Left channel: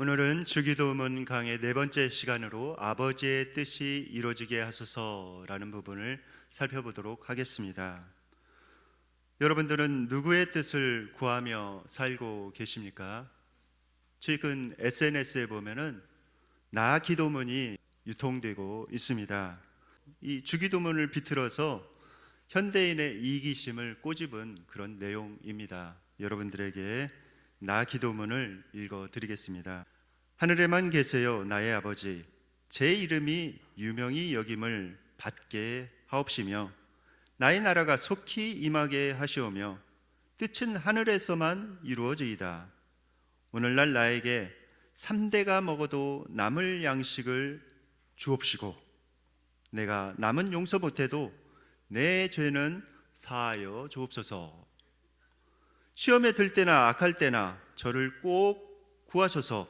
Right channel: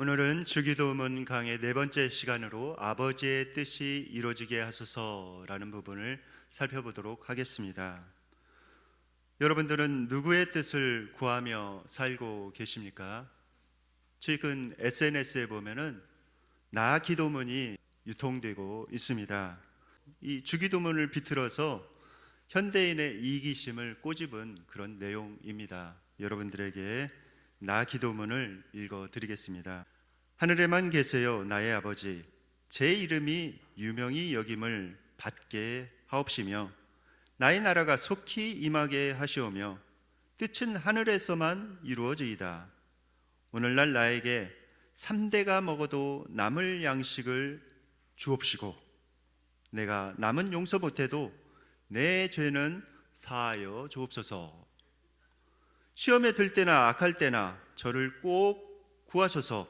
오늘은 주기도문 강의 네 번째 시간으로 아버지의 뜻이 이루어지게 하소서라는 부분을 살펴보도록 하겠습니다. 여러분들은 누구의 뜻을 구하며 살고 계십니까? 최근 SNS에 보면은 나 기도문이 유통되고 있습니다. 이 주기도문을 비틀어서 현대인의 이기심을 꼬집은 그런 내용입니다. 여러분들에게 나 기도문을 읽어드리겠습니다. 하늘에만 계세요 나의 아버지, 제 이름이 유명히 여김을 받게 하옵시며 나의 나라가 속히 임하게 하시오며 뜻은 하늘에서만 이루어지이다. 오늘날 나에게 3대가 먹어도 남을 양식을 주옵시고 내가 남은 용서 못해도 내 죄는 사하여 주옵소서. 시험에 들 때나 악할 때나 저를 꼭 구하소서.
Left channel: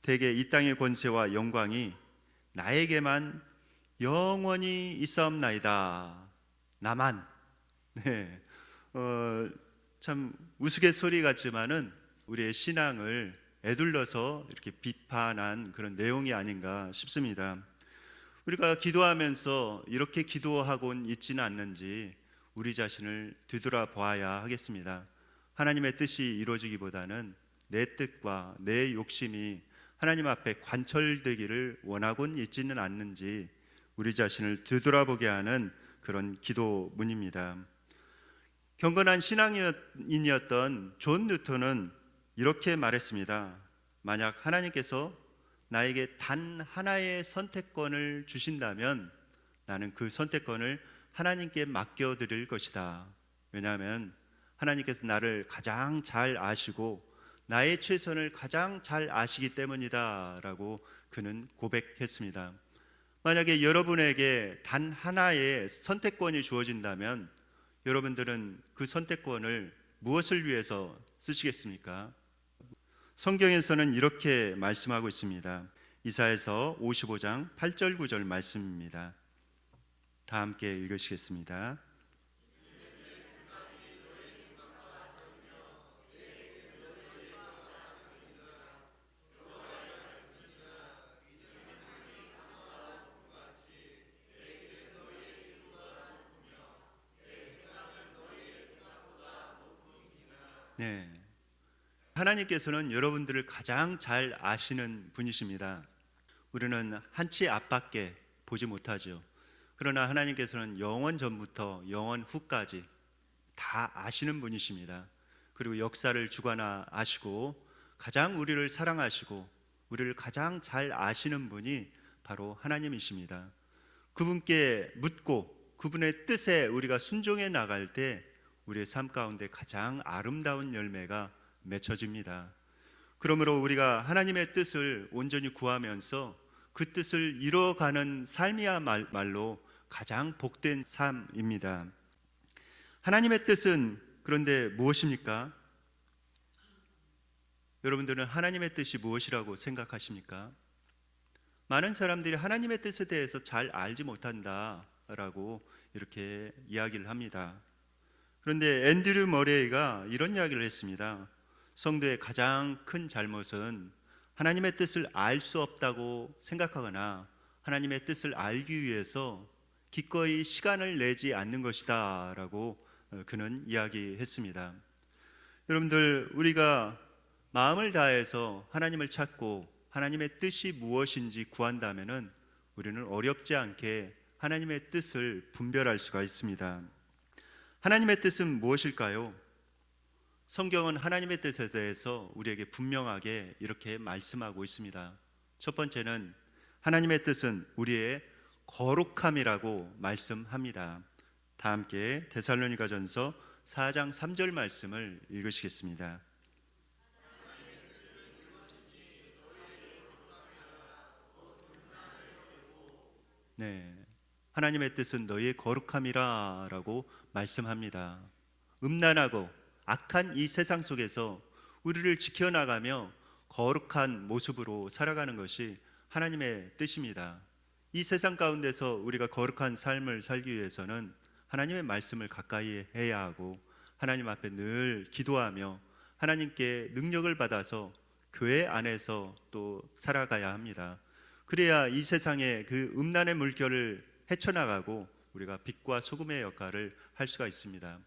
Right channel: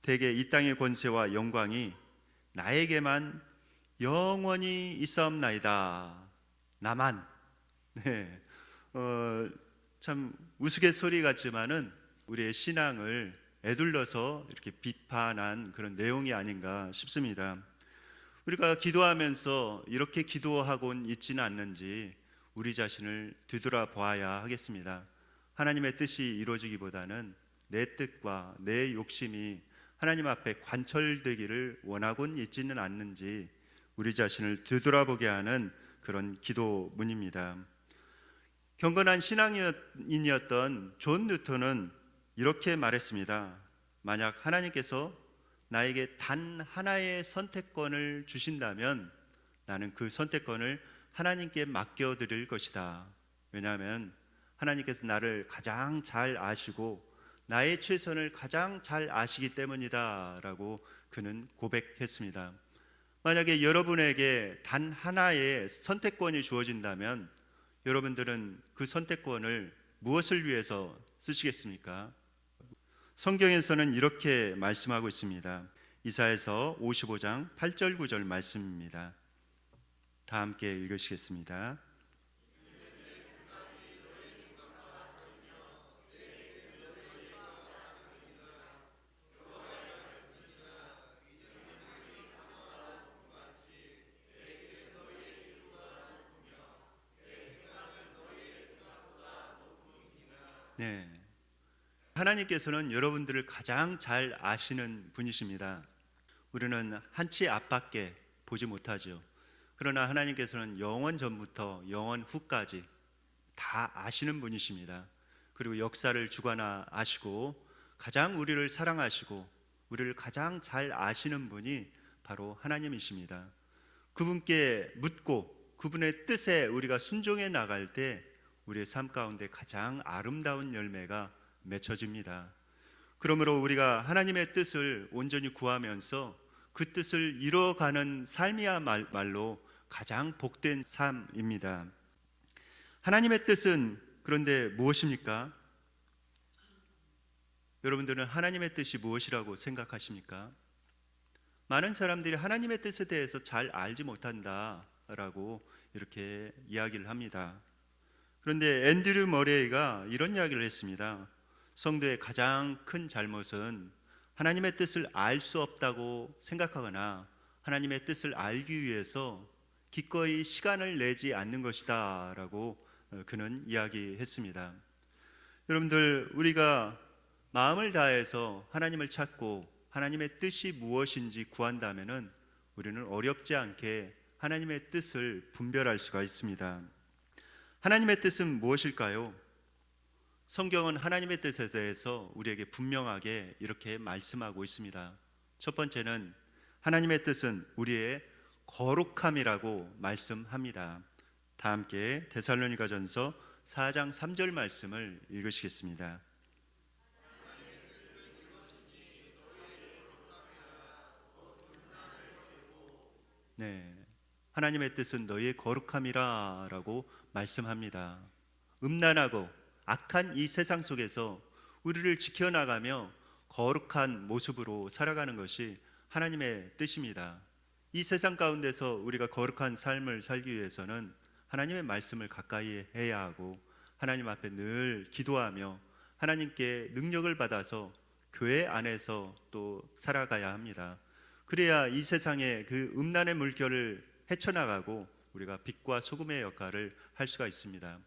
대개 이 땅의 권세와 영광이 나에게만 영원히 있사옵나이다. 나만. 네. 참 우스갯소리 같지만은 우리의 신앙을 에둘러서 이렇게 비판한 그런 내용이 아닌가 싶습니다. 우리가 기도하면서 이렇게 기도하곤 있지는 않는지 우리 자신을 되돌아보아야 하겠습니다. 하나님의 뜻이 이루어지기보다는 내 뜻과 내 욕심이 하나님 앞에 관철되기를 원하곤 있지는 않는지 우리 자신을 되돌아보게 하는 그런 기도문입니다. 경건한 신앙인이었던 존 뉴턴은 이렇게 말했습니다. 만약 하나님께서 나에게 단 하나의 선택권을 주신다면 나는 그 선택권을 하나님께 맡겨드릴 것이다. 왜냐하면 하나님께서 나를 가장 잘 아시고 나의 최선을 가장 잘 아시기 때문이다 라고 그는 고백했습니다. 만약에 여러분에게 단 하나의 선택권이 주어진다면 여러분들은 그 선택권을 무엇을 위해서 쓰시겠습니까? 성경에서는 이렇게 말씀하고 있습니다. 이사야서 55장 8절 9절 말씀입니다. 다 함께 읽으시겠습니다. 네. 하나님께서는 여러분들을 가장 잘 아시는 분이십니다. 우리는 한치 앞밖에 보지 못하죠. 그러나 하나님께서는 영원 전부터 영원 후까지 다 아시는 분이십니다. 그리고 역사를 주관하 아시고 가장 우리를 사랑하시고 우리를 가장 잘 아시는 분이 바로 하나님이십니다. 그분께 묻고 그분의 뜻에 우리가 순종해 나갈 때 우리의 삶 가운데 가장 아름다운 열매가 맺혀집니다. 그러므로 우리가 하나님의 뜻을 온전히 구하면서 그 뜻을 이뤄가는 삶이야말로 가장 복된 삶입니다. 하나님의 뜻은 그런데 무엇입니까? 여러분들은 하나님의 뜻이 무엇이라고 생각하십니까? 많은 사람들이 하나님의 뜻에 대해서 잘 알지 못한다라고 이렇게 이야기를 합니다. 그런데 앤드류 머레이가 이런 이야기를 했습니다. 성도의 가장 큰 잘못은 하나님의 뜻을 알 수 없다고 생각하거나 하나님의 뜻을 알기 위해서 기꺼이 시간을 내지 않는 것이다 라고 그는 이야기했습니다. 여러분들, 우리가 마음을 다해서 하나님을 찾고 하나님의 뜻이 무엇인지 구한다면은 우리는 어렵지 않게 하나님의 뜻을 분별할 수가 있습니다. 하나님의 뜻은 무엇일까요? 성경은 하나님의 뜻에 대해서 우리에게 분명하게 이렇게 말씀하고 있습니다. 첫 번째는 하나님의 뜻은 우리의 거룩함이라고 말씀합니다. 다 함께 데살로니가전서 4장 3절 말씀을 읽으시겠습니다. 네, 하나님의 뜻은 너희의 거룩함이라 라고 말씀합니다. 음란하고 악한 이 세상 속에서 우리를 지켜나가며 거룩한 모습으로 살아가는 것이 하나님의 뜻입니다. 이 세상 가운데서 우리가 거룩한 삶을 살기 위해서는 하나님의 말씀을 가까이 해야 하고 하나님 앞에 늘 기도하며 하나님께 능력을 받아서 교회 안에서 또 살아가야 합니다. 그래야 이 세상의 그 음란의 물결을 헤쳐나가고 우리가 빛과 소금의 역할을 할 수가 있습니다.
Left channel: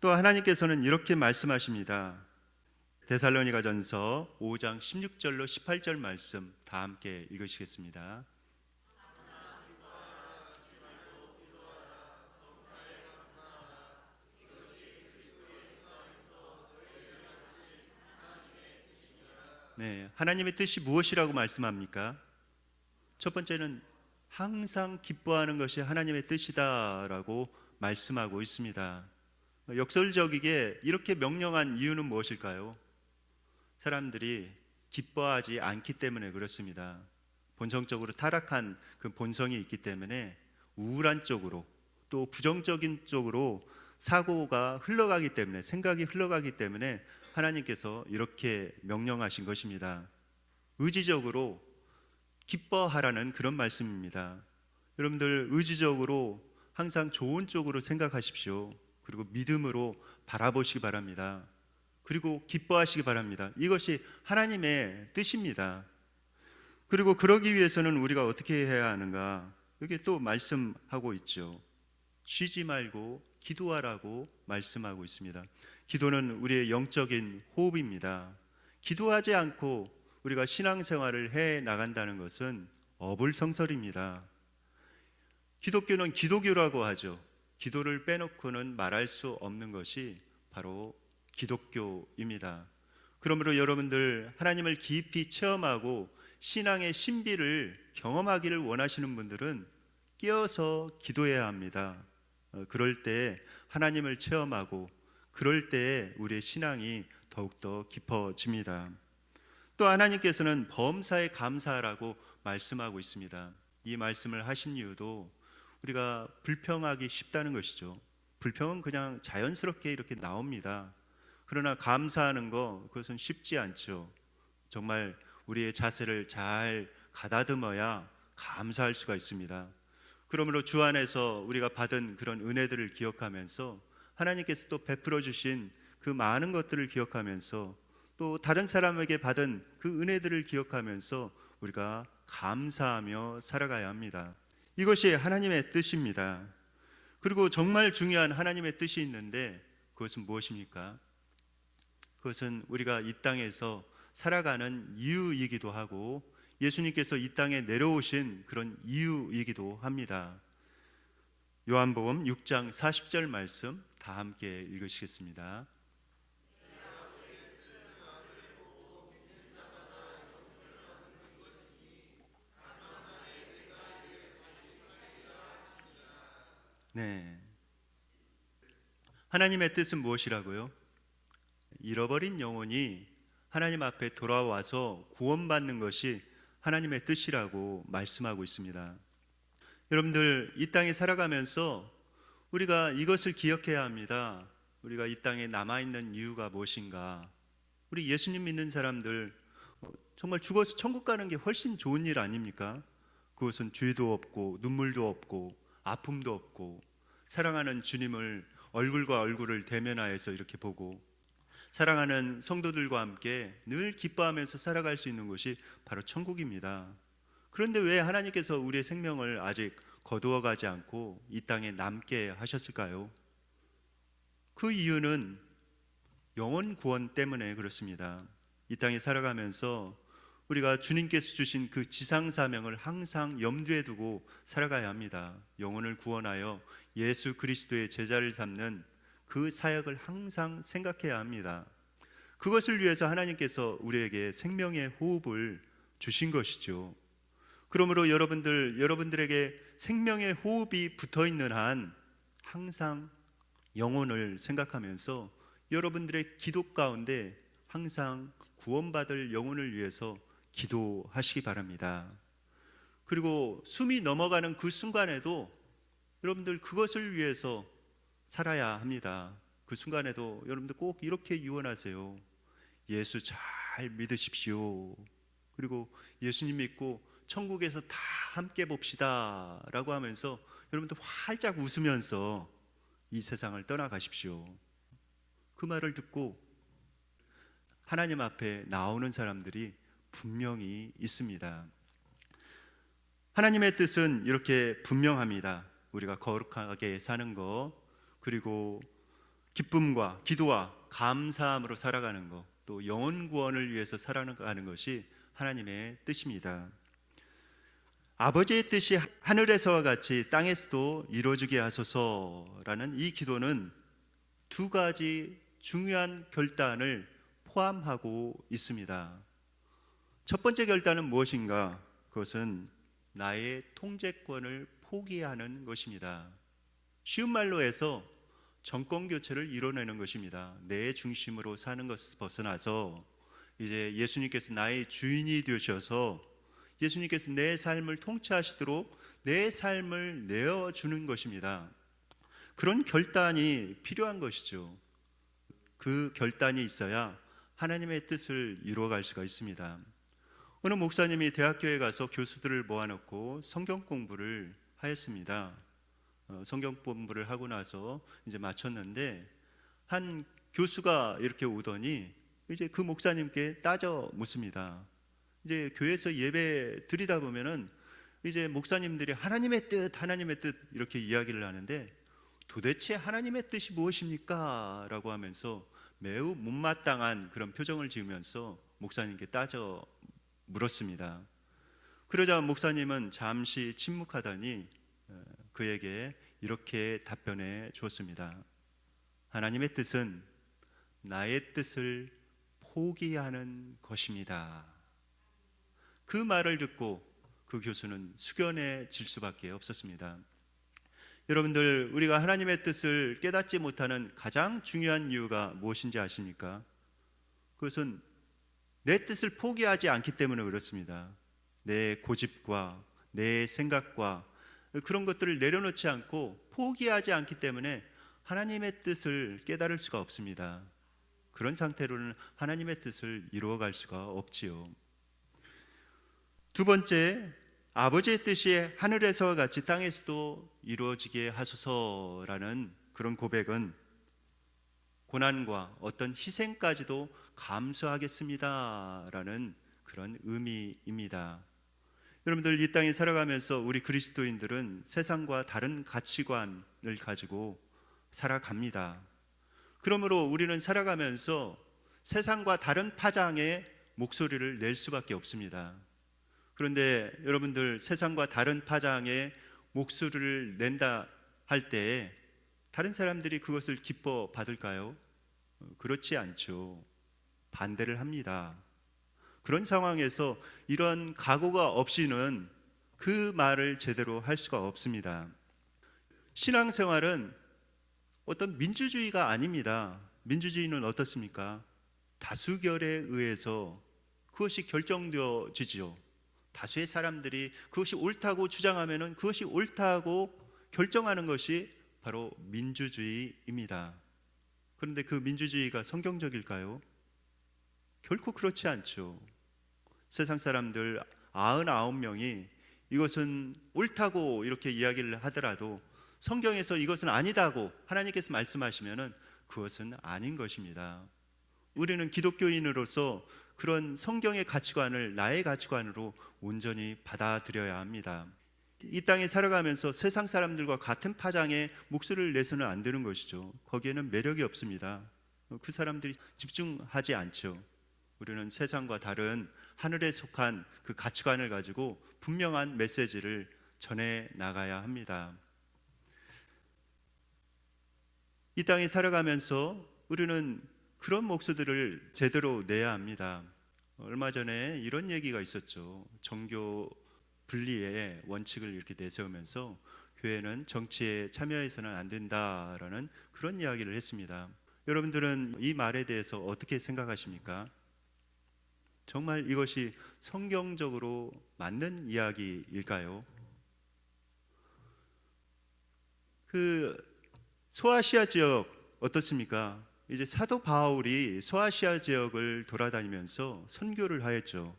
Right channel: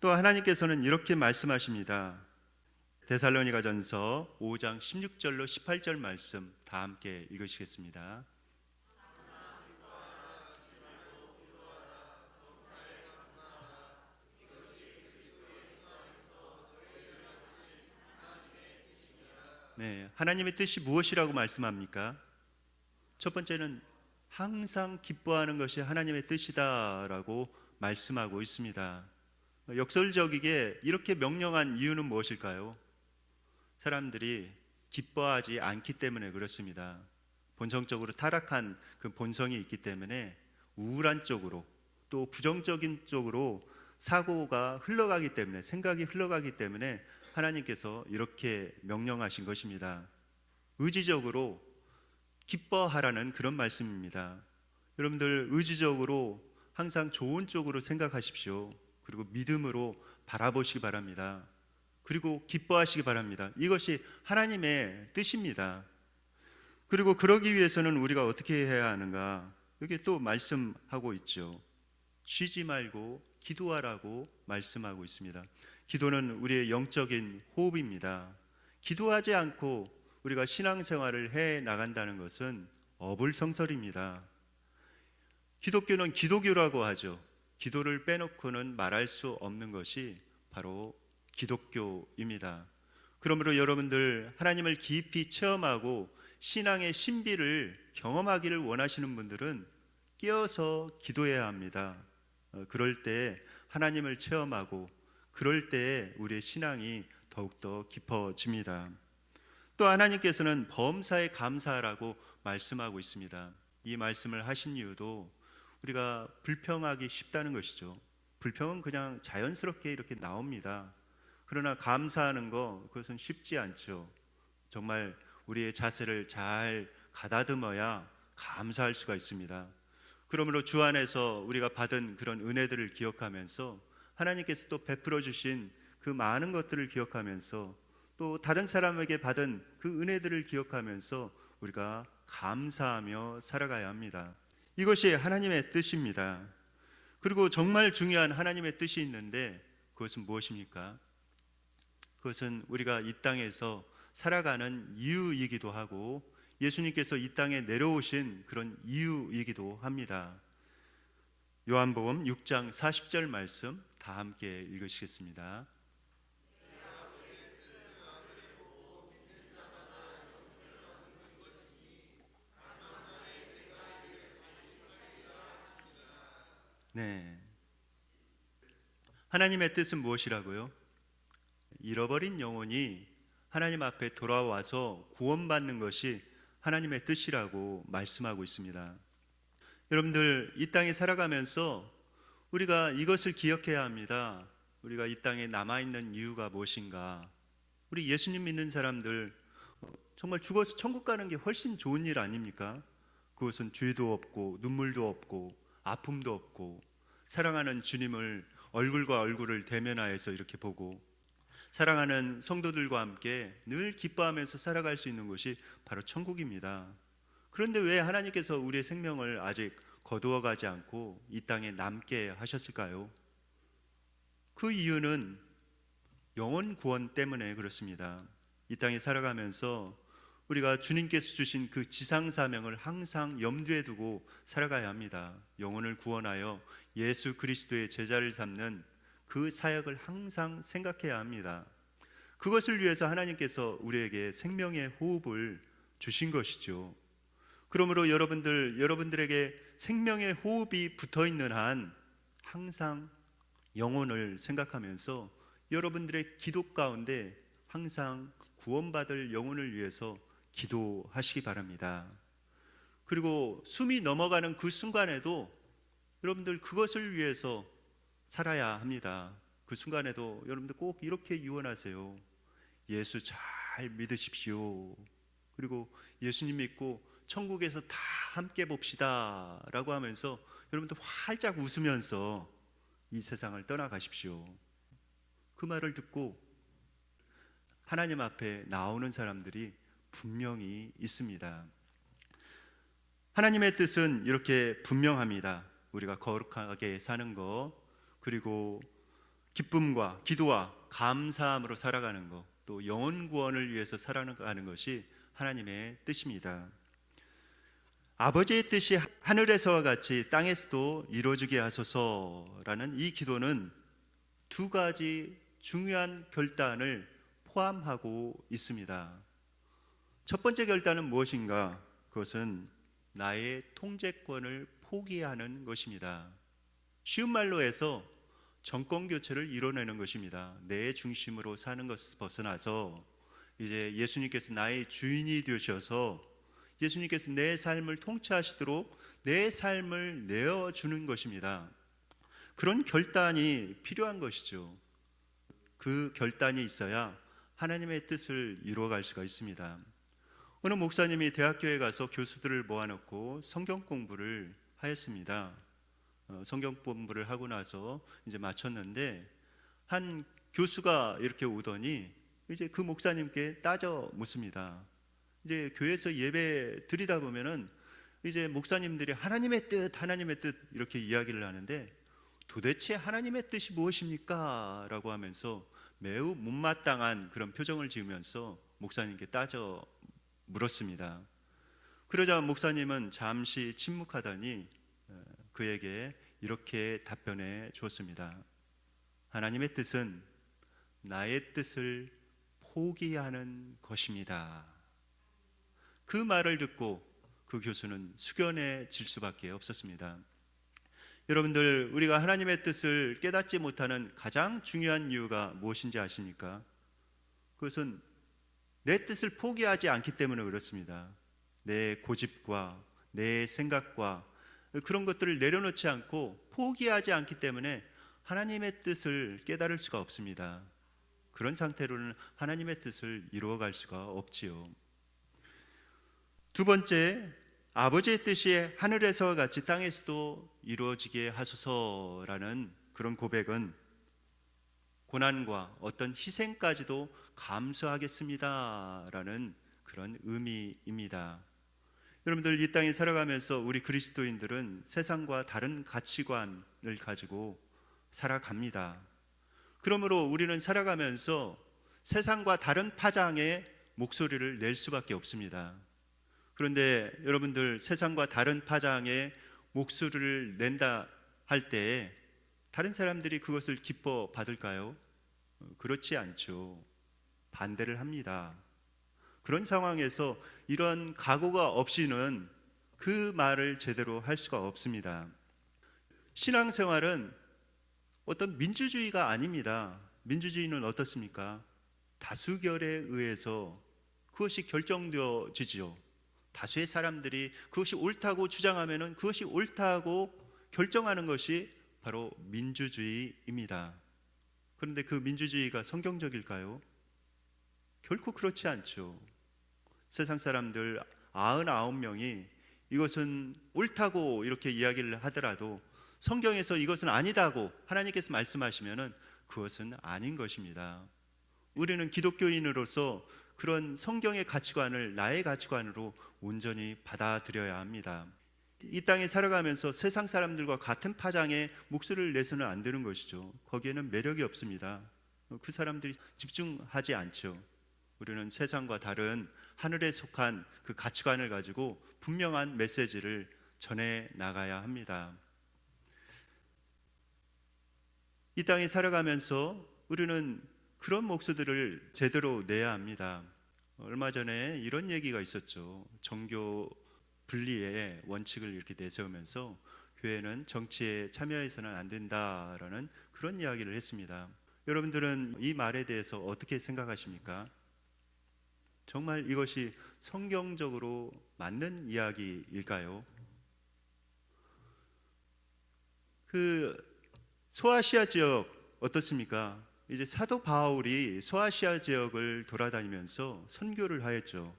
또 하나님께서는 이렇게 말씀하십니다. 데살로니가전서 5장 16절로 18절 말씀 다 함께 읽으시겠습니다. 네, 하나님의 뜻이 무엇이라고 말씀합니까? 첫 번째는 항상 기뻐하는 것이 하나님의 뜻이다라고 말씀하고 있습니다. 역설적이게 이렇게 명령한 이유는 무엇일까요? 사람들이 기뻐하지 않기 때문에 그렇습니다. 본성적으로 타락한 그 본성이 있기 때문에 우울한 쪽으로 또 부정적인 쪽으로 사고가 흘러가기 때문에, 생각이 흘러가기 때문에 하나님께서 이렇게 명령하신 것입니다. 의지적으로 기뻐하라는 그런 말씀입니다. 여러분들 의지적으로 항상 좋은 쪽으로 생각하십시오. 그리고 믿음으로 바라보시기 바랍니다. 그리고 기뻐하시기 바랍니다. 이것이 하나님의 뜻입니다. 그리고 그러기 위해서는 우리가 어떻게 해야 하는가? 여기 또 말씀하고 있죠. 쉬지 말고 기도하라고 말씀하고 있습니다. 기도는 우리의 영적인 호흡입니다. 기도하지 않고 우리가 신앙생활을 해 나간다는 것은 어불성설입니다. 기독교는 기도교라고 하죠. 기도를 빼놓고는 말할 수 없는 것이 바로 기독교입니다. 그러므로 여러분들 하나님을 깊이 체험하고 신앙의 신비를 경험하기를 원하시는 분들은 깨어서 기도해야 합니다. 그럴 때 하나님을 체험하고 그럴 때 우리의 신앙이 더욱더 깊어집니다. 또 하나님께서는 범사에 감사하라고 말씀하고 있습니다. 이 말씀을 하신 이유도 우리가 불평하기 쉽다는 것이죠. 불평은 그냥 자연스럽게 이렇게 나옵니다. 그러나 감사하는 거 그것은 쉽지 않죠. 정말 우리의 자세를 잘 가다듬어야 감사할 수가 있습니다. 그러므로 주 안에서 우리가 받은 그런 은혜들을 기억하면서 하나님께서 또 베풀어 주신 그 많은 것들을 기억하면서 또 다른 사람에게 받은 그 은혜들을 기억하면서 우리가 감사하며 살아가야 합니다. 이것이 하나님의 뜻입니다. 그리고 정말 중요한 하나님의 뜻이 있는데 그것은 무엇입니까? 그것은 우리가 이 땅에서 살아가는 이유이기도 하고 예수님께서 이 땅에 내려오신 그런 이유이기도 합니다. 요한복음 6장 40절 말씀 다 함께 읽으시겠습니다. 네. 하나님의 뜻은 무엇이라고요? 잃어버린 영혼이 하나님 앞에 돌아와서 구원받는 것이 하나님의 뜻이라고 말씀하고 있습니다. 여러분들 이 땅에 살아가면서 우리가 이것을 기억해야 합니다. 우리가 이 땅에 남아있는 이유가 무엇인가? 우리 예수님 믿는 사람들 정말 죽어서 천국 가는 게 훨씬 좋은 일 아닙니까? 그것은 죄도 없고 눈물도 없고 아픔도 없고 사랑하는 주님을 얼굴과 얼굴을 대면하여서 이렇게 보고 사랑하는 성도들과 함께 늘 기뻐하면서 살아갈 수 있는 곳이 바로 천국입니다. 그런데 왜 하나님께서 우리의 생명을 아직 거두어 가지 않고 이 땅에 남게 하셨을까요? 그 이유는 영혼 구원 때문에 그렇습니다. 이 땅에 살아가면서 우리가 주님께서 주신 그 지상 사명을 항상 염두에 두고 살아가야 합니다. 영혼을 구원하여 예수 그리스도의 제자를 삼는 그 사역을 항상 생각해야 합니다. 그것을 위해서 하나님께서 우리에게 생명의 호흡을 주신 것이죠. 그러므로 여러분들에게 생명의 호흡이 붙어있는 한 항상 영혼을 생각하면서 여러분들의 기도 가운데 항상 구원받을 영혼을 위해서 기도하시기 바랍니다. 그리고 숨이 넘어가는 그 순간에도 여러분들 그것을 위해서 살아야 합니다. 그 순간에도 여러분들 꼭 이렇게 유언하세요. 예수 잘 믿으십시오. 그리고 예수님 믿고 천국에서 다 함께 봅시다 라고 하면서 여러분들 활짝 웃으면서 이 세상을 떠나가십시오. 그 말을 듣고 하나님 앞에 나오는 사람들이 분명히 있습니다. 하나님의 뜻은 이렇게 분명합니다. 우리가 거룩하게 사는 것, 그리고 기쁨과 기도와 감사함으로 살아가는 것, 또 영혼 구원을 위해서 살아가는 것이 하나님의 뜻입니다. 아버지의 뜻이 하늘에서와 같이 땅에서도 이루어지게 하소서라는 이 기도는 두 가지 중요한 결단을 포함하고 있습니다. 첫 번째 결단은 무엇인가? 그것은 나의 통제권을 포기하는 것입니다. 쉬운 말로 해서 정권 교체를 이뤄내는 것입니다. 내 중심으로 사는 것을 벗어나서 이제 예수님께서 나의 주인이 되셔서 예수님께서 내 삶을 통치하시도록 내 삶을 내어주는 것입니다. 그런 결단이 필요한 것이죠. 그 결단이 있어야 하나님의 뜻을 이루어갈 수가 있습니다. 어느 목사님이 대학교에 가서 교수들을 모아놓고 성경 공부를 하였습니다. 성경 공부를 하고 나서 이제 마쳤는데 한 교수가 이렇게 오더니 이제 그 목사님께 따져 묻습니다. 이제 교회에서 예배 드리다 보면은 이제 목사님들이 하나님의 뜻 이렇게 이야기를 하는데 도대체 하나님의 뜻이 무엇입니까? 라고 하면서 매우 못마땅한 그런 표정을 지으면서 목사님께 따져 물었습니다. 그러자 목사님은 잠시 침묵하더니 그에게 이렇게 답변해 주었습니다. 하나님의 뜻은 나의 뜻을 포기하는 것입니다. 그 말을 듣고 그 교수는 숙연해질 수밖에 없었습니다. 여러분들, 우리가 하나님의 뜻을 깨닫지 못하는 가장 중요한 이유가 무엇인지 아십니까? 그것은 내 뜻을 포기하지 않기 때문에 그렇습니다. 내 고집과 내 생각과 그런 것들을 내려놓지 않고 포기하지 않기 때문에 하나님의 뜻을 깨달을 수가 없습니다. 그런 상태로는 하나님의 뜻을 이루어갈 수가 없지요. 두 번째, 아버지의 뜻이 하늘에서와 같이 땅에서도 이루어지게 하소서라는 그런 고백은 고난과 어떤 희생까지도 감수하겠습니다라는 그런 의미입니다. 여러분들, 이 땅에 살아가면서 우리 그리스도인들은 세상과 다른 가치관을 가지고 살아갑니다. 그러므로 우리는 살아가면서 세상과 다른 파장의 목소리를 낼 수밖에 없습니다. 그런데 여러분들, 세상과 다른 파장의 목소리를 낸다 할 때에 다른 사람들이 그것을 기뻐 받을까요? 그렇지 않죠. 반대를 합니다. 그런 상황에서 이런 각오가 없이는 그 말을 제대로 할 수가 없습니다. 신앙생활은 어떤 민주주의가 아닙니다. 민주주의는 어떻습니까? 다수결에 의해서 그것이 결정되어지지요. 다수의 사람들이 그것이 옳다고 주장하면 그것이 옳다고 결정하는 것이 바로 민주주의입니다. 그런데 그 민주주의가 성경적일까요? 결코 그렇지 않죠. 세상 사람들 99명이 이것은 옳다고 이렇게 이야기를 하더라도 성경에서 이것은 아니다고 하나님께서 말씀하시면은 그것은 아닌 것입니다. 우리는 기독교인으로서 그런 성경의 가치관을 나의 가치관으로 온전히 받아들여야 합니다. 이 땅에 살아가면서 세상 사람들과 같은 파장의 목소리를 내서는 안 되는 것이죠. 거기에는 매력이 없습니다. 그 사람들이 집중하지 않죠. 우리는 세상과 다른 하늘에 속한 그 가치관을 가지고 분명한 메시지를 전해 나가야 합니다. 이 땅에 살아가면서 우리는 그런 목소리를 제대로 내야 합니다. 얼마 전에 이런 얘기가 있었죠. 종교 분리의 원칙을 이렇게 내세우면서 교회는 정치에 참여해서는 안 된다라는 그런 이야기를 했습니다. 여러분들은 이 말에 대해서 어떻게 생각하십니까? 정말 이것이 성경적으로 맞는 이야기일까요? 그 소아시아 지역 어떻습니까? 이제 사도 바울이 소아시아 지역을 돌아다니면서 선교를 하였죠.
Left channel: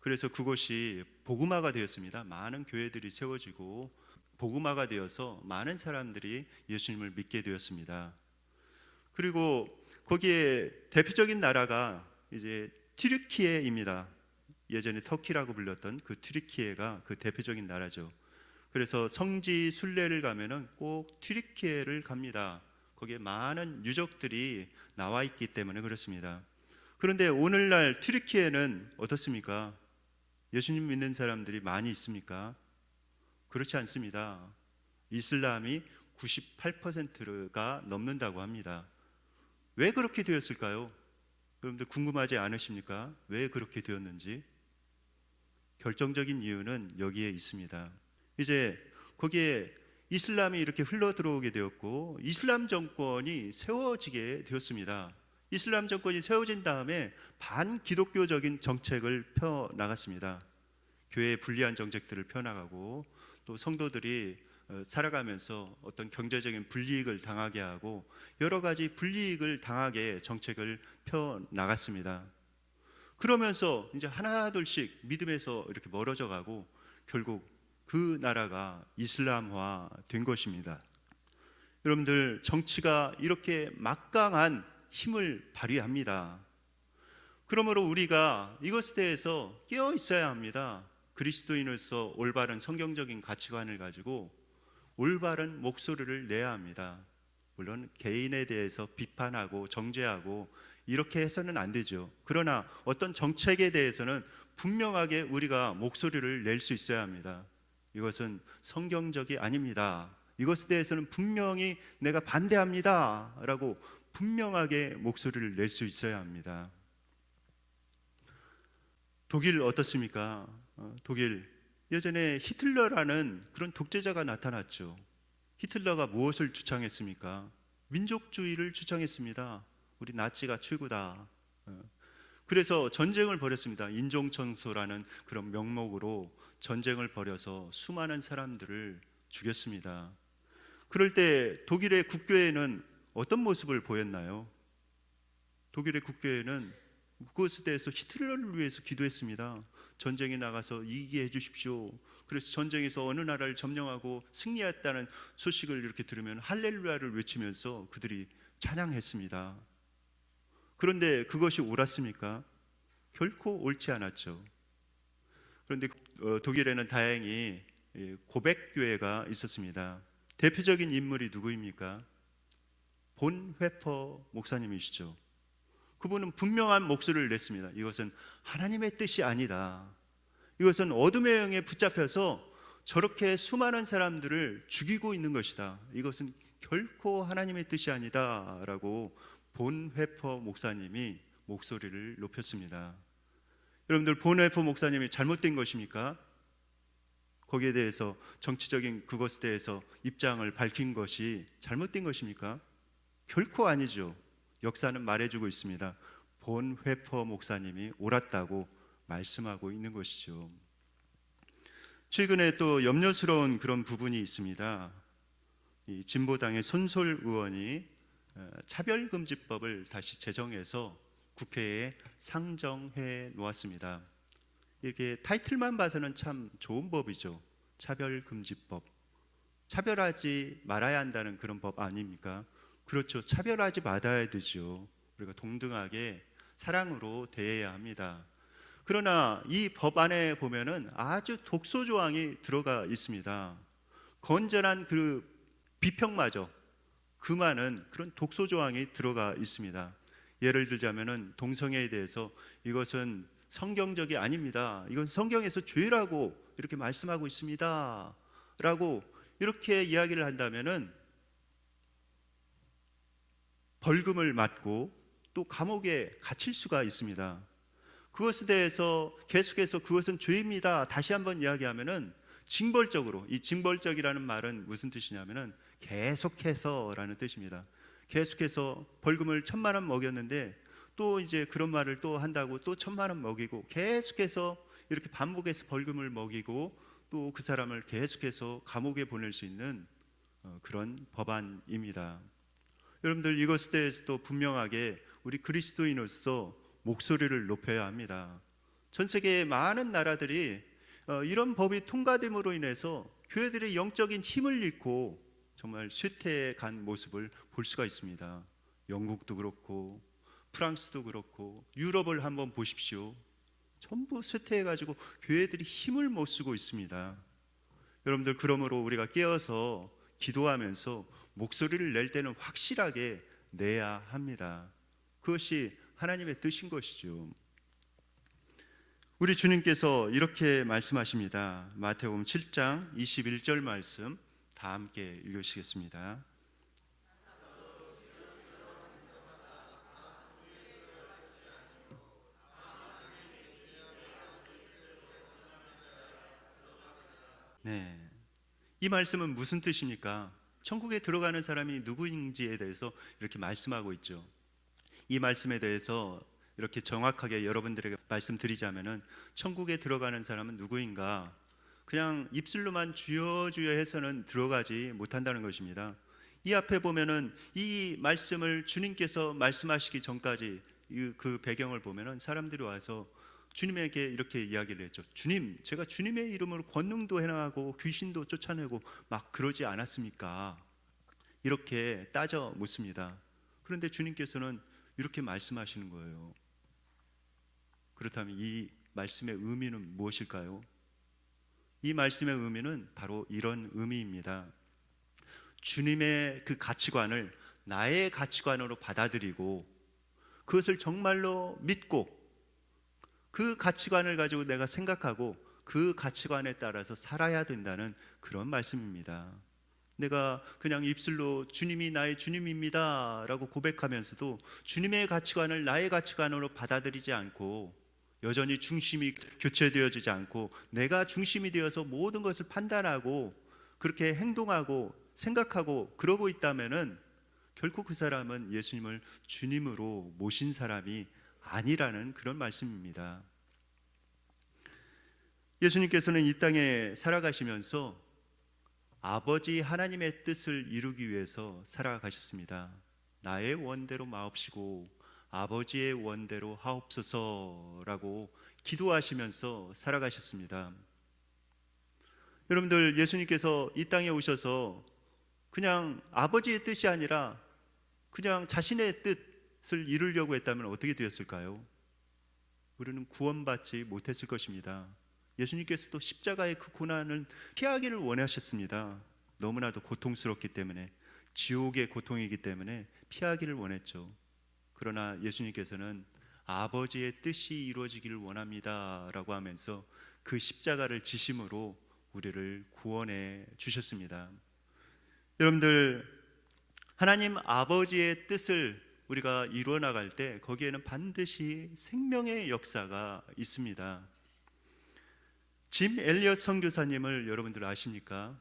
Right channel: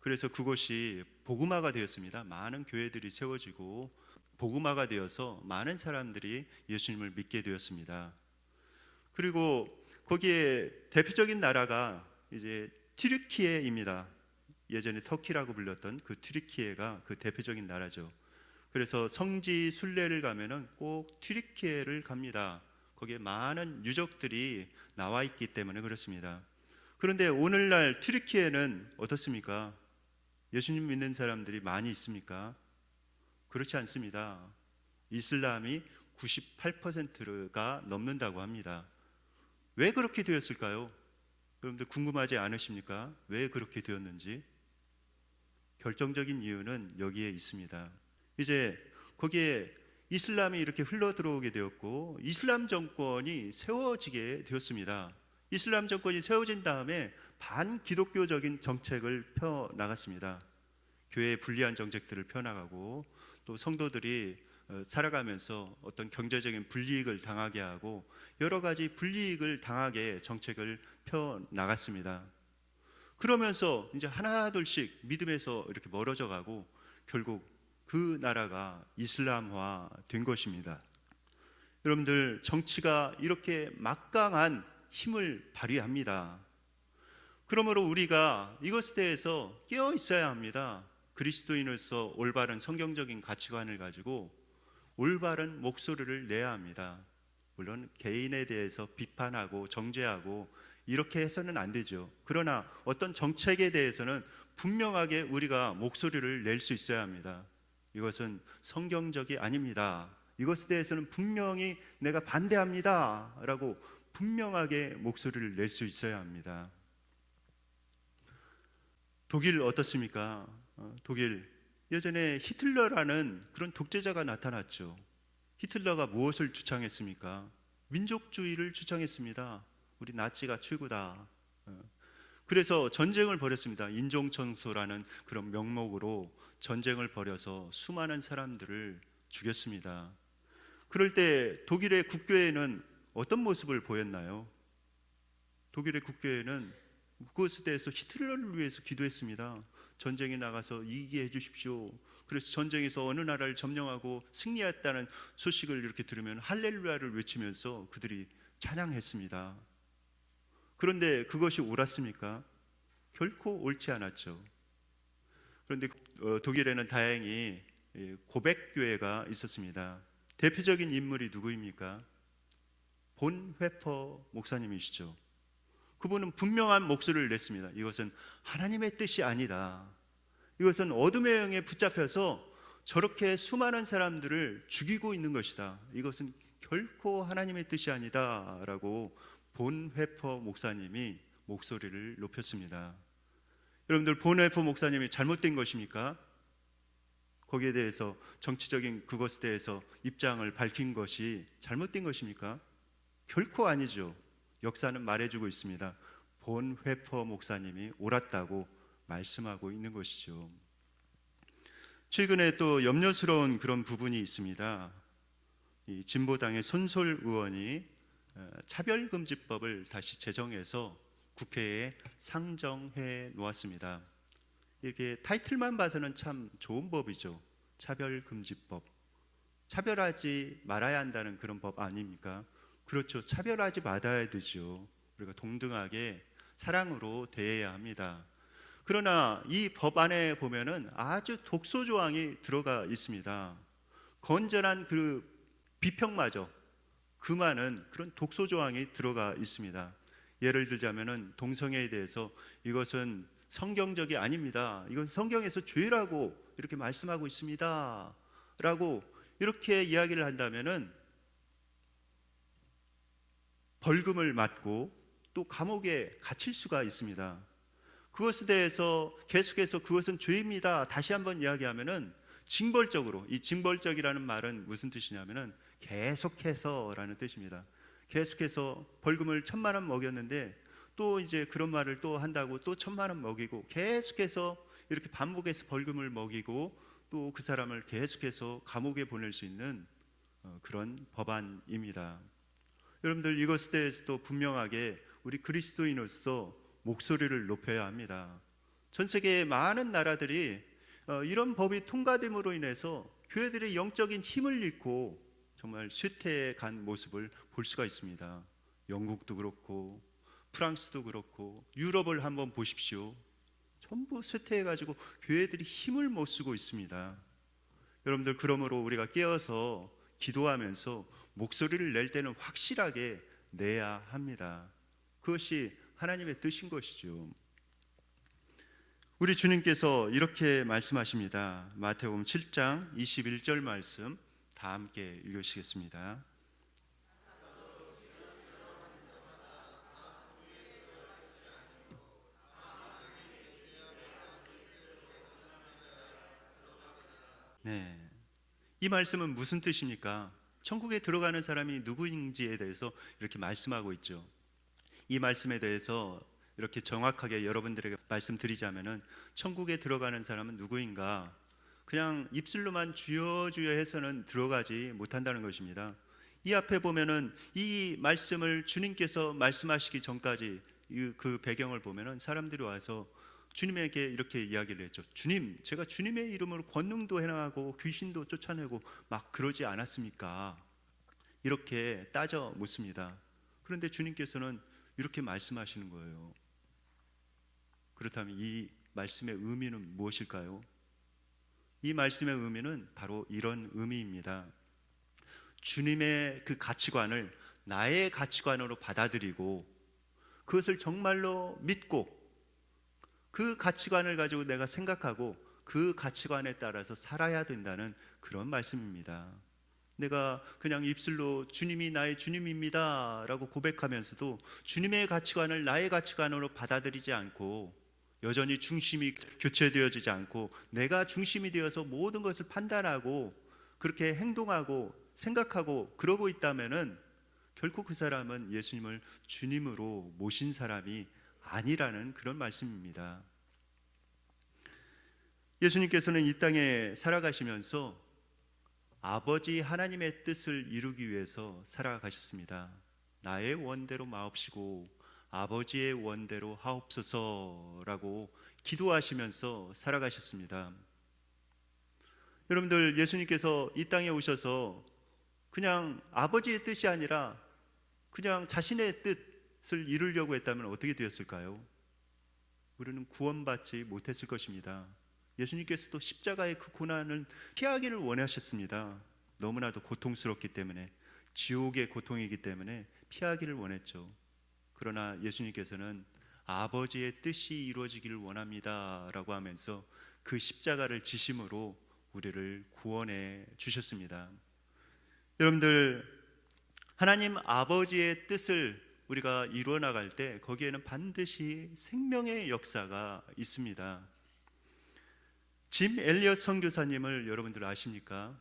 그래서 그곳이 복음화가 되었습니다. 많은 교회들이 세워지고 복음화가 되어서 많은 사람들이 예수님을 믿게 되었습니다. 그리고 거기에 대표적인 나라가 이제 튀르키예입니다. 예전에 터키라고 불렸던 그 튀르키예가 그 대표적인 나라죠. 그래서 성지 순례를 가면은 꼭 튀르키예를 갑니다. 거기에 많은 유적들이 나와 있기 때문에 그렇습니다. 그런데 오늘날 튀르키예는 어떻습니까? 예수님 믿는 사람들이 많이 있습니까? 그렇지 않습니다. 이슬람이 98%가 넘는다고 합니다. 왜 그렇게 되었을까요? 여러분들 궁금하지 않으십니까? 왜 그렇게 되었는지? 결정적인 이유는 여기에 있습니다. 이제 거기에 이슬람이 이렇게 흘러 들어오게 되었고 이슬람 정권이 세워지게 되었습니다. 이슬람 정권이 세워진 다음에 반기독교적인 정책을 펴나갔습니다. 교회에 불리한 정책들을 펴나가고 또 성도들이 살아가면서 어떤 경제적인 불이익을 당하게 하고 여러 가지 불이익을 당하게 정책을 펴나갔습니다. 그러면서 이제 하나둘씩 믿음에서 이렇게 멀어져 가고 결국 그 나라가 이슬람화 된 것입니다. 여러분들 정치가 이렇게 막강한 힘을 발휘합니다. 그러므로 우리가 이것에 대해서 깨어 있어야 합니다. 그리스도인으로서 올바른 성경적인 가치관을 가지고 올바른 목소리를 내야 합니다. 물론 개인에 대해서 비판하고 정죄하고 이렇게 해서는 안 되죠. 그러나 어떤 정책에 대해서는 분명하게 우리가 목소리를 낼 수 있어야 합니다. 이것은 성경적이 아닙니다. 이것에 대해서는 분명히 내가 반대합니다 라고 분명하게 목소리를 낼 수 있어야 합니다. 독일 어떻습니까? 독일 예전에 히틀러라는 그런 독재자가 나타났죠. 히틀러가 무엇을 주창했습니까? 민족주의를 주창했습니다. 우리 나치가 최고다. 그래서 전쟁을 벌였습니다. 인종청소라는 그런 명목으로 전쟁을 벌여서 수많은 사람들을 죽였습니다. 그럴 때 독일의 국교회는 어떤 모습을 보였나요? 독일의 국교회는 그것에 대해서 히틀러를 위해서 기도했습니다. 전쟁에 나가서 이기게 해주십시오. 그래서 전쟁에서 어느 나라를 점령하고 승리했다는 소식을 이렇게 들으면 할렐루야를 외치면서 그들이 찬양했습니다. 그런데 그것이 옳았습니까? 결코 옳지 않았죠. 그런데 독일에는 다행히 고백교회가 있었습니다. 대표적인 인물이 누구입니까? 본회퍼 목사님이시죠. 그분은 분명한 목소리를 냈습니다. 이것은 하나님의 뜻이 아니다. 이것은 어둠의 영에 붙잡혀서 저렇게 수많은 사람들을 죽이고 있는 것이다. 이것은 결코 하나님의 뜻이 아니다 라고 본회퍼 목사님이 목소리를 높였습니다. 여러분들 본회퍼 목사님이 잘못된 것입니까? 거기에 대해서 정치적인 그것에 대해서 입장을 밝힌 것이 잘못된 것입니까? 결코 아니죠. 역사는 말해주고 있습니다. 본회퍼 목사님이 옳았다고 말씀하고 있는 것이죠. 최근에 또 염려스러운 그런 부분이 있습니다. 이 진보당의 손솔 의원이 차별금지법을 다시 제정해서 국회에 상정해 놓았습니다. 이렇게 타이틀만 봐서는 참 좋은 법이죠. 차별금지법. 차별하지 말아야 한다는 그런 법 아닙니까? 그렇죠. 차별하지 말아야 되죠. 우리가 동등하게 사랑으로 대해야 합니다. 그러나 이 법 안에 보면은 아주 독소 조항이 들어가 있습니다. 건전한 그 비평마저 금하는 그런 독소 조항이 들어가 있습니다. 예를 들자면은 동성애에 대해서 이것은 성경적이 아닙니다. 이건 성경에서 죄라고 이렇게 말씀하고 있습니다. 라고 이렇게 이야기를 한다면은 벌금을 맞고 또 감옥에 갇힐 수가 있습니다. 그것에 대해서 계속해서 그것은 죄입니다. 다시 한번 이야기하면은 징벌적으로, 이 징벌적이라는 말은 무슨 뜻이냐면은 계속해서라는 뜻입니다. 계속해서 벌금을 1,000만 원 먹였는데 또 이제 그런 말을 또 한다고 또 1,000만 원 먹이고 계속해서 이렇게 반복해서 벌금을 먹이고 또 그 사람을 계속해서 감옥에 보낼 수 있는 그런 법안입니다. 여러분들 이것에 대해서도 분명하게 우리 그리스도인으로서 목소리를 높여야 합니다. 전 세계의 많은 나라들이 이런 법이 통과됨으로 인해서 교회들의 영적인 힘을 잃고 정말 쇠퇴해 간 모습을 볼 수가 있습니다. 영국도 그렇고 프랑스도 그렇고 유럽을 한번 보십시오. 전부 쇠퇴해가지고 교회들이 힘을 못 쓰고 있습니다. 여러분들, 그러므로 우리가 깨어서 기도하면서 목소리를 낼 때는 확실하게 내야 합니다. 그것이 하나님의 뜻인 것이죠. 우리 주님께서 이렇게 말씀하십니다. 마태복음 7장 21절 말씀 다 함께 읽으시겠습니다. 네, 이 말씀은 무슨 뜻입니까? 천국에 들어가는 사람이 누구인지에 대해서 이렇게 말씀하고 있죠. 이 말씀에 대해서 이렇게 정확하게 여러분들에게 말씀드리자면은, 천국에 들어가는 사람은 누구인가? 그냥 입술로만 주여 주여 해서는 들어가지 못한다는 것입니다. 이 앞에 보면은 이 말씀을 주님께서 말씀하시기 전까지 그 배경을 보면은 사람들이 와서 주님에게 이렇게 이야기를 했죠. 주님, 제가 주님의 이름으로 권능도 행하고 귀신도 쫓아내고 막 그러지 않았습니까? 이렇게 따져 묻습니다. 그런데 주님께서는 이렇게 말씀하시는 거예요. 그렇다면 이 말씀의 의미는 무엇일까요? 이 말씀의 의미는 바로 이런 의미입니다. 주님의 그 가치관을 나의 가치관으로 받아들이고 그것을 정말로 믿고 그 가치관을 가지고 내가 생각하고 그 가치관에 따라서 살아야 된다는 그런 말씀입니다. 내가 그냥 입술로 주님이 나의 주님입니다 라고 고백하면서도 주님의 가치관을 나의 가치관으로 받아들이지 않고, 여전히 중심이 교체되어지지 않고 내가 중심이 되어서 모든 것을 판단하고 그렇게 행동하고 생각하고 그러고 있다면은 결코 그 사람은 예수님을 주님으로 모신 사람이 아니라는 그런 말씀입니다. 예수님께서는 이 땅에 살아가시면서 아버지 하나님의 뜻을 이루기 위해서 살아가셨습니다. 나의 원대로 마옵시고 아버지의 원대로 하옵소서라고 기도하시면서 살아가셨습니다. 여러분들, 예수님께서 이 땅에 오셔서 그냥 아버지의 뜻이 아니라 그냥 자신의 뜻을 이루려고 했다면 어떻게 되었을까요? 우리는 구원받지 못했을 것입니다. 예수님께서도 십자가의 그 고난을 피하기를 원하셨습니다. 너무나도 고통스럽기 때문에, 지옥의 고통이기 때문에 피하기를 원했죠. 그러나 예수님께서는 아버지의 뜻이 이루어지기를 원합니다 라고 하면서 그 십자가를 지심으로 우리를 구원해 주셨습니다. 여러분들, 하나님 아버지의 뜻을 우리가 이루어 나갈 때 거기에는 반드시 생명의 역사가 있습니다. 짐 엘리엇 선교사님을 여러분들 아십니까?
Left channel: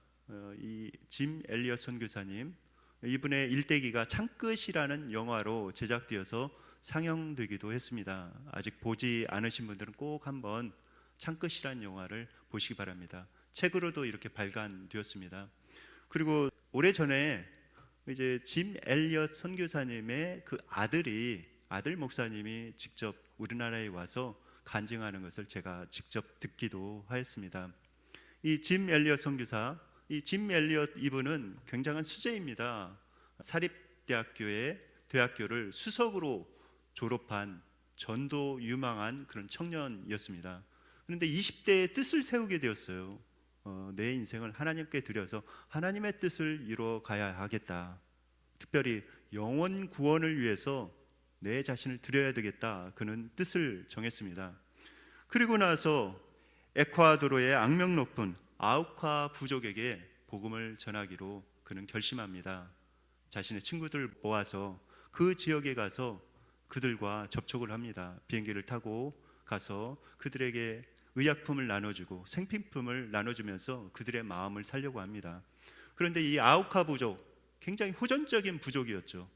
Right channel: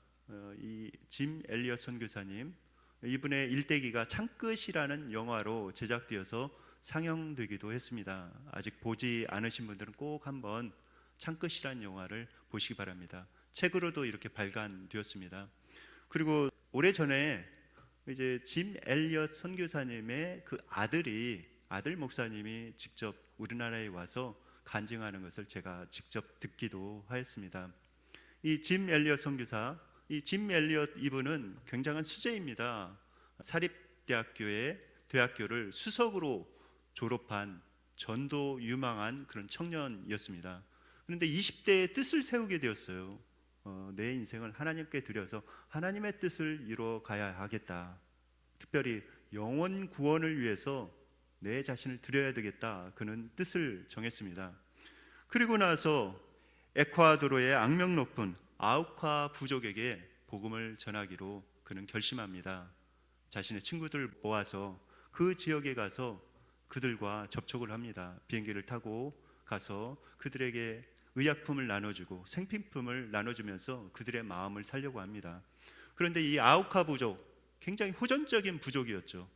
이 짐 엘리엇 선교사님, 이분의 일대기가 창끝이라는 영화로 제작되어서 상영되기도 했습니다. 아직 보지 않으신 분들은 꼭 한번 창끝이라는 영화를 보시기 바랍니다. 책으로도 이렇게 발간되었습니다. 그리고 오래전에 이제 짐 엘리엇 선교사님의 그 아들 목사님이 직접 우리나라에 와서 간증하는 것을 제가 직접 듣기도 하였습니다. 이 짐 엘리엇 선교사, 이 짐 엘리엇 이분은 굉장한 수재입니다. 사립대학교의 대학교를 수석으로 졸업한 전도 유망한 그런 청년이었습니다. 그런데 20대에 뜻을 세우게 되었어요. 내 인생을 하나님께 드려서 하나님의 뜻을 이루어 가야 하겠다. 특별히 영혼 구원을 위해서 내 자신을 드려야 되겠다. 그는 뜻을 정했습니다. 그리고 나서 에콰도르의 악명 높은 아우카 부족에게 복음을 전하기로 그는 결심합니다. 자신의 친구들 모아서 그 지역에 가서 그들과 접촉을 합니다. 비행기를 타고 가서 그들에게 의약품을 나눠주고 생필품을 나눠주면서 그들의 마음을 살려고 합니다. 그런데 이 아우카 부족, 굉장히 호전적인 부족이었죠.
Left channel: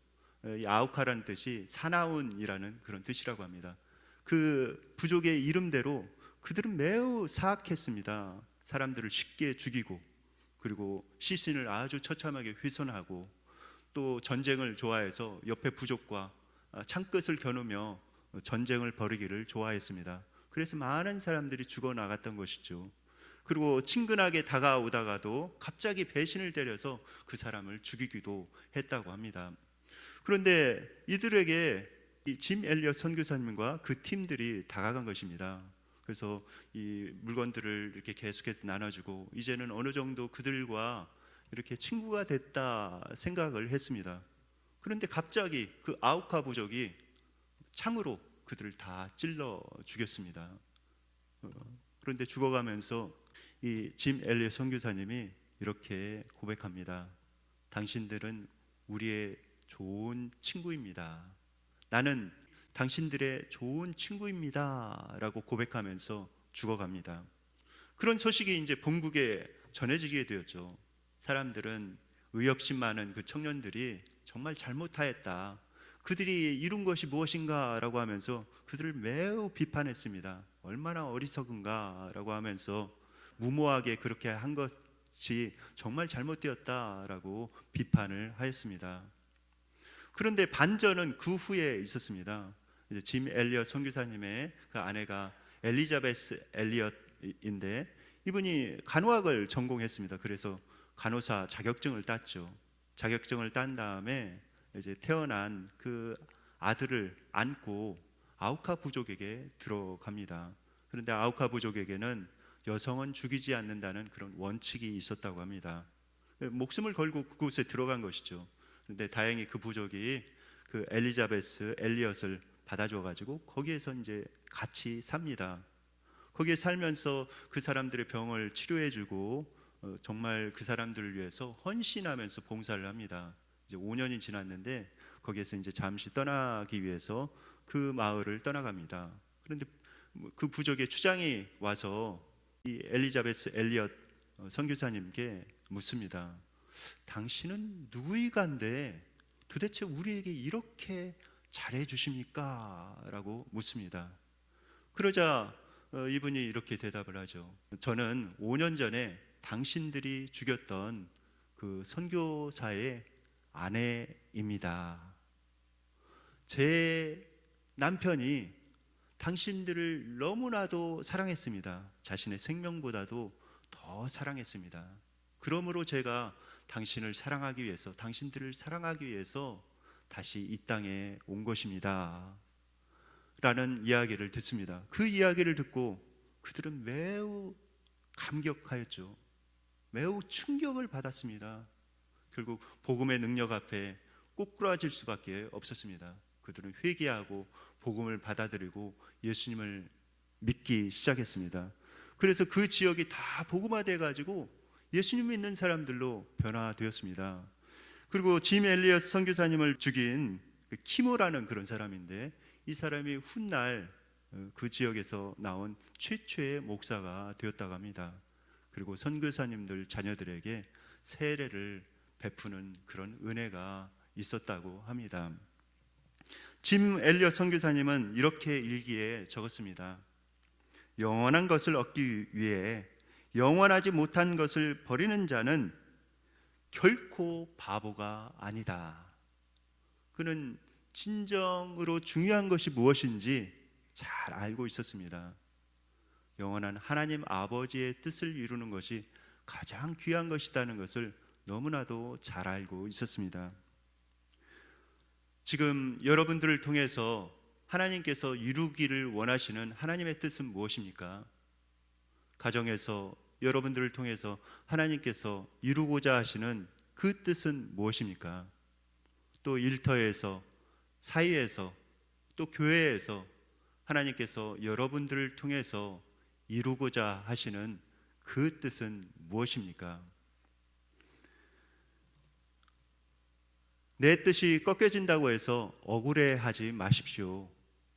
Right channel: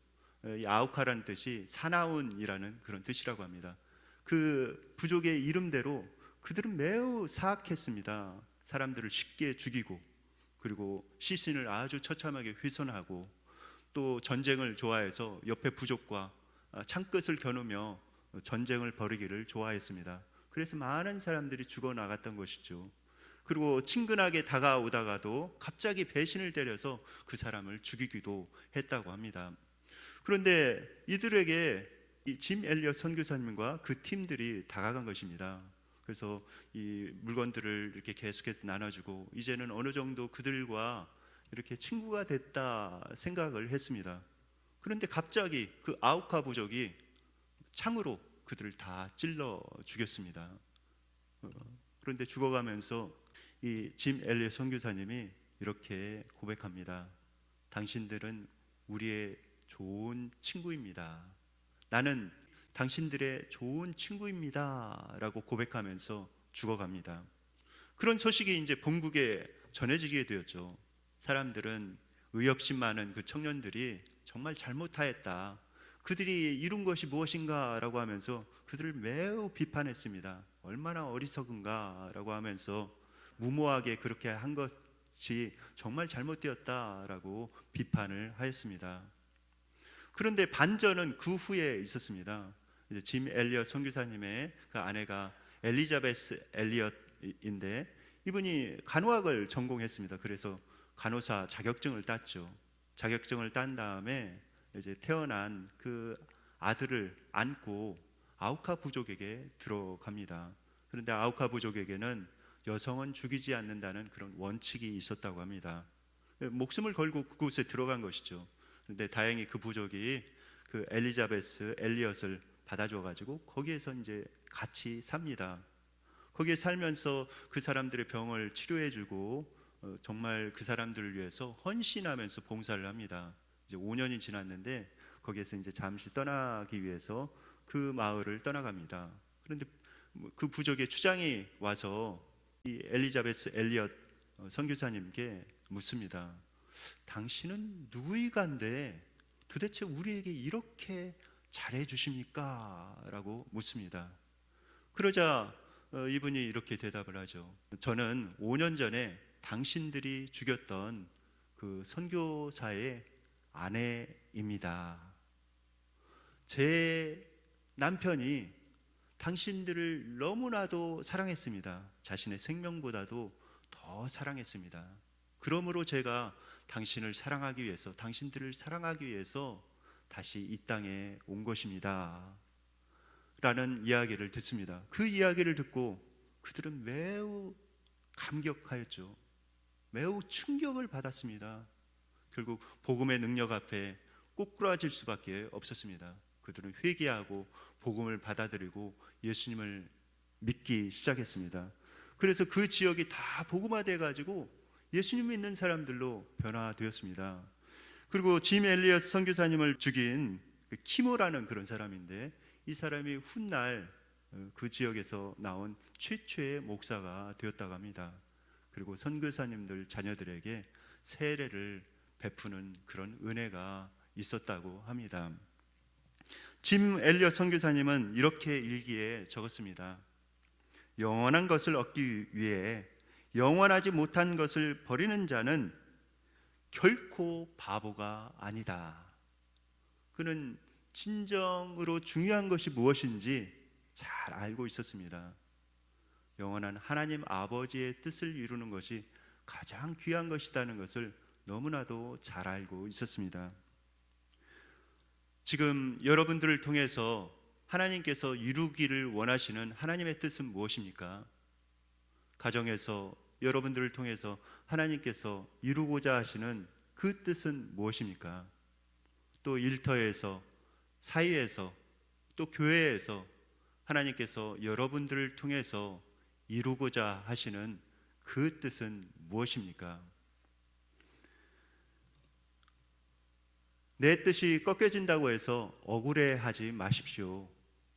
이 아우카라는 뜻이 사나운이라는 그런 뜻이라고 합니다. 그 부족의 이름대로 그들은 매우 사악했습니다. 사람들을 쉽게 죽이고, 그리고 시신을 아주 처참하게 훼손하고, 또 전쟁을 좋아해서 옆에 부족과 창끝을 겨누며 전쟁을 벌이기를 좋아했습니다. 그래서 많은 사람들이 죽어나갔던 것이죠. 그리고 친근하게 다가오다가도 갑자기 배신을 때려서 그 사람을 죽이기도 했다고 합니다. 그런데 이들에게 이 짐 엘리엇 선교사님과 그 팀들이 다가간 것입니다. 그래서 이 물건들을 이렇게 계속해서 나눠주고 이제는 어느 정도 그들과 이렇게 친구가 됐다 생각을 했습니다. 그런데 갑자기 그 아우카 부족이 창으로 그들을 다 찔러 죽였습니다. 그런데 죽어가면서 이 짐 엘리엇 선교사님이 이렇게 고백합니다. 당신들은 우리의 좋은 친구입니다. 나는 당신들의 좋은 친구입니다 라고 고백하면서 죽어갑니다. 그런 소식이 이제 본국에 전해지게 되었죠. 사람들은 의협심 많은 그 청년들이 정말 잘못하였다, 그들이 이룬 것이 무엇인가 라고 하면서 그들을 매우 비판했습니다. 얼마나 어리석은가 라고 하면서 무모하게 그렇게 한 것이 정말 잘못되었다라고 비판을 하였습니다. 그런데 반전은 그 후에 있었습니다. 이제 짐 엘리엇 선교사님의 그 아내가 엘리자베스 엘리엇인데 이분이 간호학을 전공했습니다. 그래서 간호사 자격증을 땄죠. 자격증을 딴 다음에 이제 태어난 그 아들을 안고 아우카 부족에게 들어갑니다. 그런데 아우카 부족에게는 여성은 죽이지 않는다는 그런 원칙이 있었다고 합니다. 목숨을 걸고 그곳에 들어간 것이죠. 그런데 다행히 그 부족이 그 엘리자베스 엘리엇을 받아줘 가지고 거기에서 이제 같이 삽니다. 거기에 살면서 그 사람들의 병을 치료해주고 정말 그 사람들을 위해서 헌신하면서 봉사를 합니다. 이제 5년이 지났는데 거기에서 이제 잠시 떠나기 위해서 그 마을을 떠나갑니다. 그런데 그 부족의 추장이 와서 이 엘리자베스 엘리엇 선교사님께 묻습니다. 당신은 누구이간데 도대체 우리에게 이렇게 잘해 주십니까? 라고 묻습니다. 그러자 이분이 이렇게 대답을 하죠. 저는 5년 전에 당신들이 죽였던 그 선교사의 아내입니다. 제 남편이 당신들을 너무나도 사랑했습니다. 자신의 생명보다도 더 사랑했습니다. 그러므로 제가 당신을 사랑하기 위해서, 당신들을 사랑하기 위해서 다시 이 땅에 온 것입니다. 라는 이야기를 듣습니다. 그 이야기를 듣고 그들은 매우 감격하였죠. 매우 충격을 받았습니다. 결국 복음의 능력 앞에 꼬꾸라질 수밖에 없었습니다. 그들은 회개하고 복음을 받아들이고 예수님을 믿기 시작했습니다. 그래서 그 지역이 다 복음화돼 가지고 예수님 믿는 사람들로 변화되었습니다. 그리고 짐 엘리엇 선교사님을 죽인 키모라는 그런 사람인데 이 사람이 훗날 그 지역에서 나온 최초의 목사가 되었다고 합니다. 그리고 선교사님들 자녀들에게 세례를 베푸는 그런 은혜가 있었다고 합니다. 짐 엘리엇 선교사님은 이렇게 일기에 적었습니다. 영원한 것을 얻기 위해 영원하지 못한 것을 버리는 자는 결코 바보가 아니다. 그는 진정으로 중요한 것이 무엇인지 잘 알고 있었습니다. 영원한 하나님 아버지의 뜻을 이루는 것이 가장 귀한 것이라는 것을 너무나도 잘 알고 있었습니다. 지금 여러분들을 통해서 하나님께서 이루기를 원하시는 하나님의 뜻은 무엇입니까? 가정에서 여러분들을 통해서 하나님께서 이루고자 하시는 그 뜻은 무엇입니까? 또 일터에서, 사회에서, 또 교회에서 하나님께서 여러분들을 통해서 이루고자 하시는 그 뜻은 무엇입니까? 내 뜻이 꺾여진다고 해서 억울해하지 마십시오.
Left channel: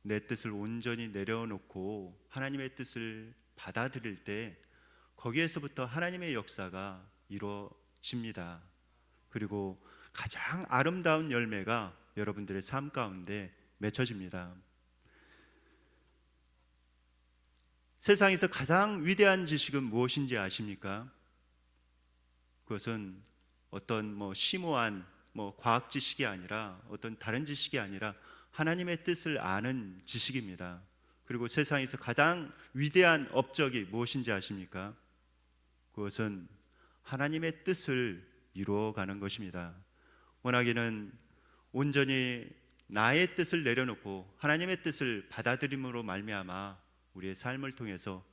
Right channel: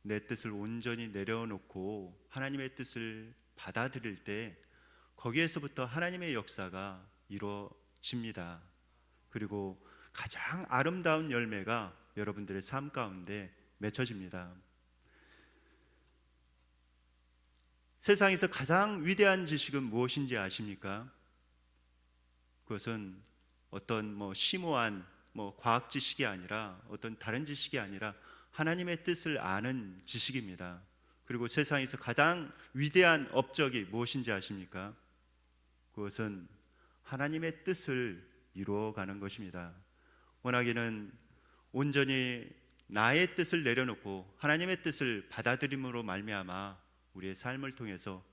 내 뜻을 온전히 내려놓고 하나님의 뜻을 받아들일 때 거기에서부터 하나님의 역사가 이루어집니다. 그리고 가장 아름다운 열매가 여러분들의 삶 가운데 맺혀집니다. 세상에서 가장 위대한 지식은 무엇인지 아십니까? 그것은 어떤 심오한 과학 지식이 아니라 어떤 다른 지식이 아니라 하나님의 뜻을 아는 지식입니다. 그리고 세상에서 가장 위대한 업적이 무엇인지 아십니까? 그것은 하나님의 뜻을 이루어가는 것입니다. 원하기는 온전히 나의 뜻을 내려놓고 하나님의 뜻을 받아들임으로 말미암아 우리의 삶을 통해서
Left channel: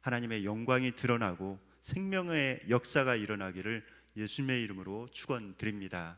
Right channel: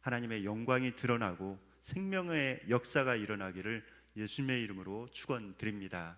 하나님의 영광이 드러나고 생명의 역사가 일어나기를 예수님의 이름으로 축원드립니다.